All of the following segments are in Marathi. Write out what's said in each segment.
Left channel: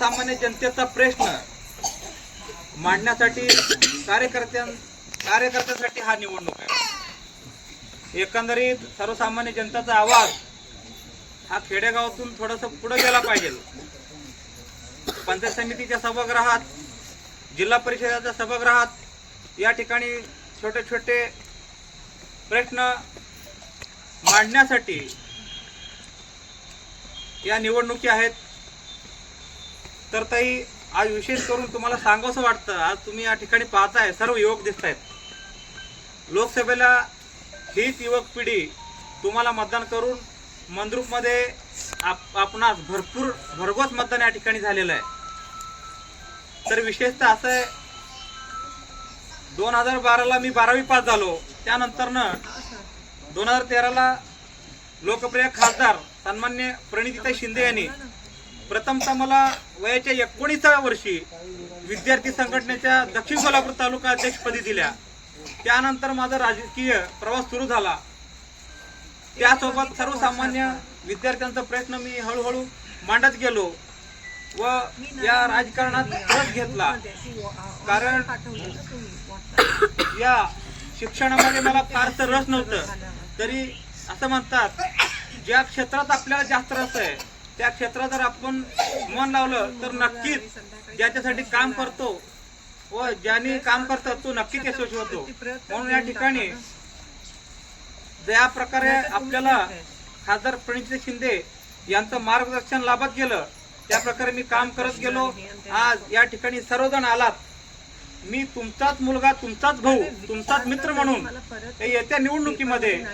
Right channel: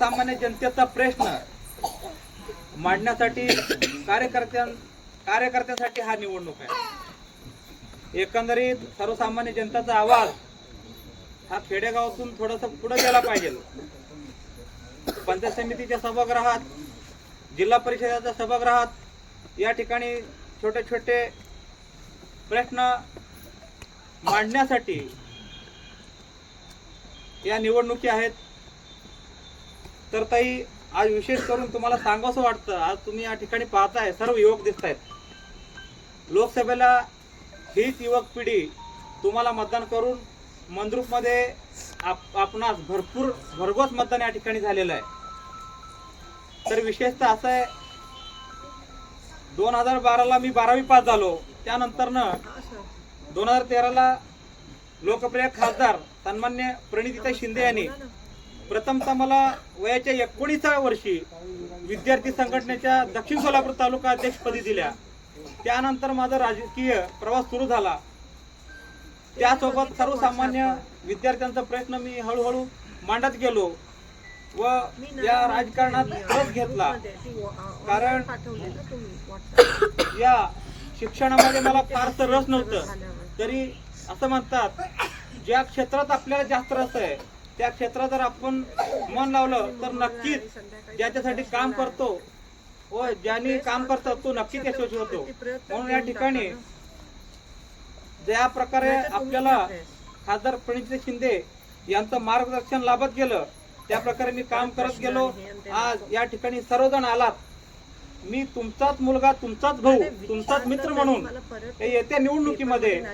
सर्वसामान्य जनतेचा प्रश्न मांडण्यासाठी कार्यकर्त्यांसाठी हा निवडणूक आहे। एकंदरीत सर्वसामान्य जनतेचा आवाज हा खेडेगावातून थोडंसं पुढे गेला पाहिजे। पंचायत समितीच्या सभागृहात, जिल्हा परिषदेच्या सभागृहात या ठिकाणी छोटे छोटे प्रश्न मांडण्यासाठी या निवडणुकी आहेत। तर ताई, आज विशेष करून तुम्हाला सांगावंसं वाटतं, आज तुम्ही या ठिकाणी पाहताय सर्व युवक दिसत आहेत। लोकसभेला हीच युवक पिढी तुम्हाला मतदान करून मंद्रुपमध्ये आपणास भरघोस मतदान या ठिकाणी झालेलं आहे। तर विशेषतः असं आहे, 2012ला मी 12वी पास झालो। त्यानंतरनं 2013ला लोकप्रिय खासदार सन्मान्य प्रणितीताई शिंदे यांनी प्रथमतः मला वयाच्या 19व्या वर्षी विद्यार्थी संघटनेच्या दक्षिण सोलापूर तालुका अध्यक्षपदी दिल्या। त्यानंतर माझा राजकीय प्रवास सुरू झाला। त्यासोबत सर्वसामान्य विद्यार्थ्यांचा प्रश्न मी हळूहळू मांडत गेलो व या राजकारणात रस घेतला। कारण या शिक्षणामध्ये मला फारसं रस नव्हतं। तरी असं म्हणतात, ज्या क्षेत्रात आपल्याला जास्त रस आहे त्या क्षेत्रात जर आपण मन लावलं तर नक्कीच ज्याच्यासाठी काम करतो व ज्याने काम करतो तो नक्कीच यशस्वी होतो। म्हणून या ठिकाणी ज्या प्रकारे आपल्याला खासदार प्रणितीताई शिंदे यांचं मार्गदर्शन लाभत गेलं त्या प्रकारे मी काम करत गेलो। आज या ठिकाणी सर्वजण आलात। मी तुमचाच मुलगा, तुमचाच भाऊ, तुमचाच मित्र म्हणून येत्या निवडणुकीमध्ये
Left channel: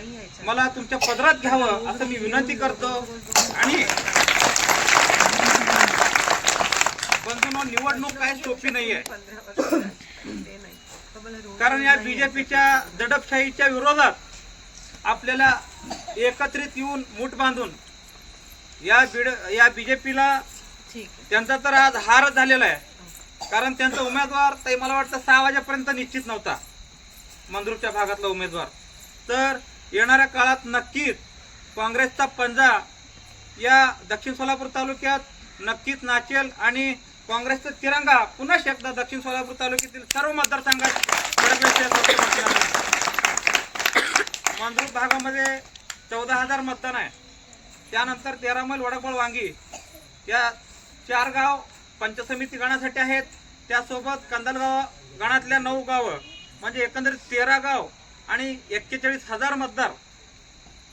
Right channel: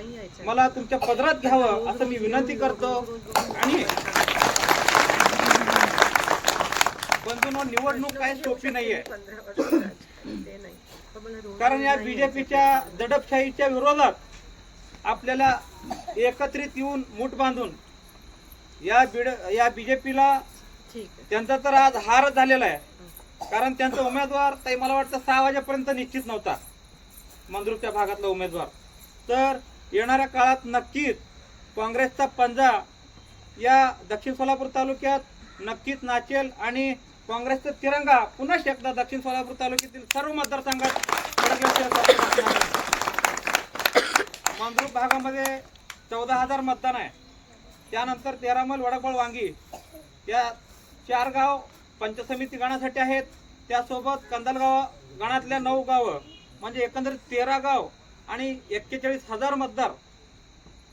मला तुमच्या पदरात घ्यावं असं मी विनंती करतो। आणि बंधूंनो, निवडणूक काही सोपी नाहीये। कारण या बीजेपीच्या दडपशाहीच्या विरोधात आपल्याला एकत्रित येऊन मूठ बांधून या बीजेपीला त्यांचा तर आज हार झालेला आहे। कारण त्यांचा उमेदवार ताई मला वाटतं 6 वाजेपर्यंत निश्चित नव्हता, मंद्रुपच्या भागातला उमेदवार। तर येणाऱ्या काळात नक्कीच काँग्रेसचा पंजा या दक्षिण सोलापूर तालुक्यात नक्कीच नाचेल आणि काँग्रेसचा तिरंगा पुन्हा एकदा दक्षिण सोलापूर तालुक्यातील सर्व मतदारसंघात फडकण्याचे मंद्रुप भागामध्ये 14,000 मतदान आहे। त्यानंतर 13 मैल, वडकबळ, वांगी या 4 गाव पंचायत समिती गणासाठी आहेत। त्यासोबत कंदलगाव गणातल्या 9 गावं म्हणजे एकंदरीत 13 गाव आणि 41,000 मतदार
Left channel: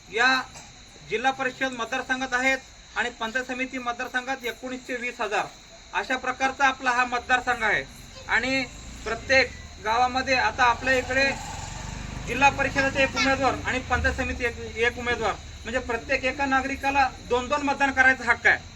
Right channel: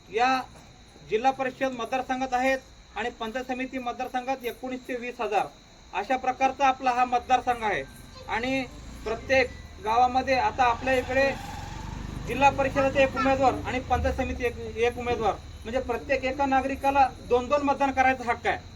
या जिल्हा परिषद मतदारसंघात आहेत आणि पंचायत समिती मतदारसंघात 19 ते 20,000 अशा प्रकारचा आपला हा मतदारसंघ आहे। आणि प्रत्येक गावामध्ये आता आपल्या इकडे जिल्हा परिषदेचे 1 उमेदवार आणि पंचायत समिती एक उमेदवार म्हणजे प्रत्येक एका नागरिकाला 2-2 मतदान करायचा हक्क आहे।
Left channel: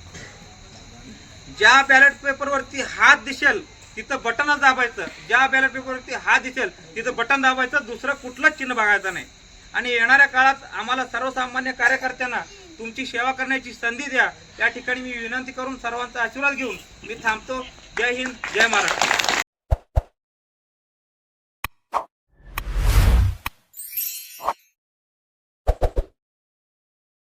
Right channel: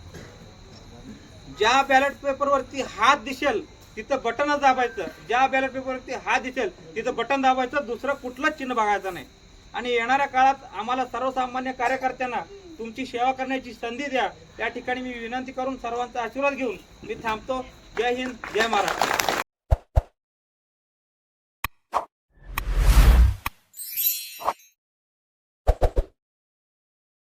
ज्या बॅलेट पेपरवरती हात दिसेल तिथं बटनच दाबायचं, ज्या बॅलेट पेपरवरती हात दिसेल तिथं बटन दाबायचं, दुसरं कुठलंच चिन्ह बघायचं नाही। आणि येणाऱ्या काळात आम्हाला सर्वसामान्य कार्यकर्त्यांना तुमची सेवा करण्याची संधी द्या, त्या ठिकाणी मी विनंती करून सर्वांचा आशीर्वाद घेऊन मी थांबतो। जय हिंद, जय महाराष्ट्र।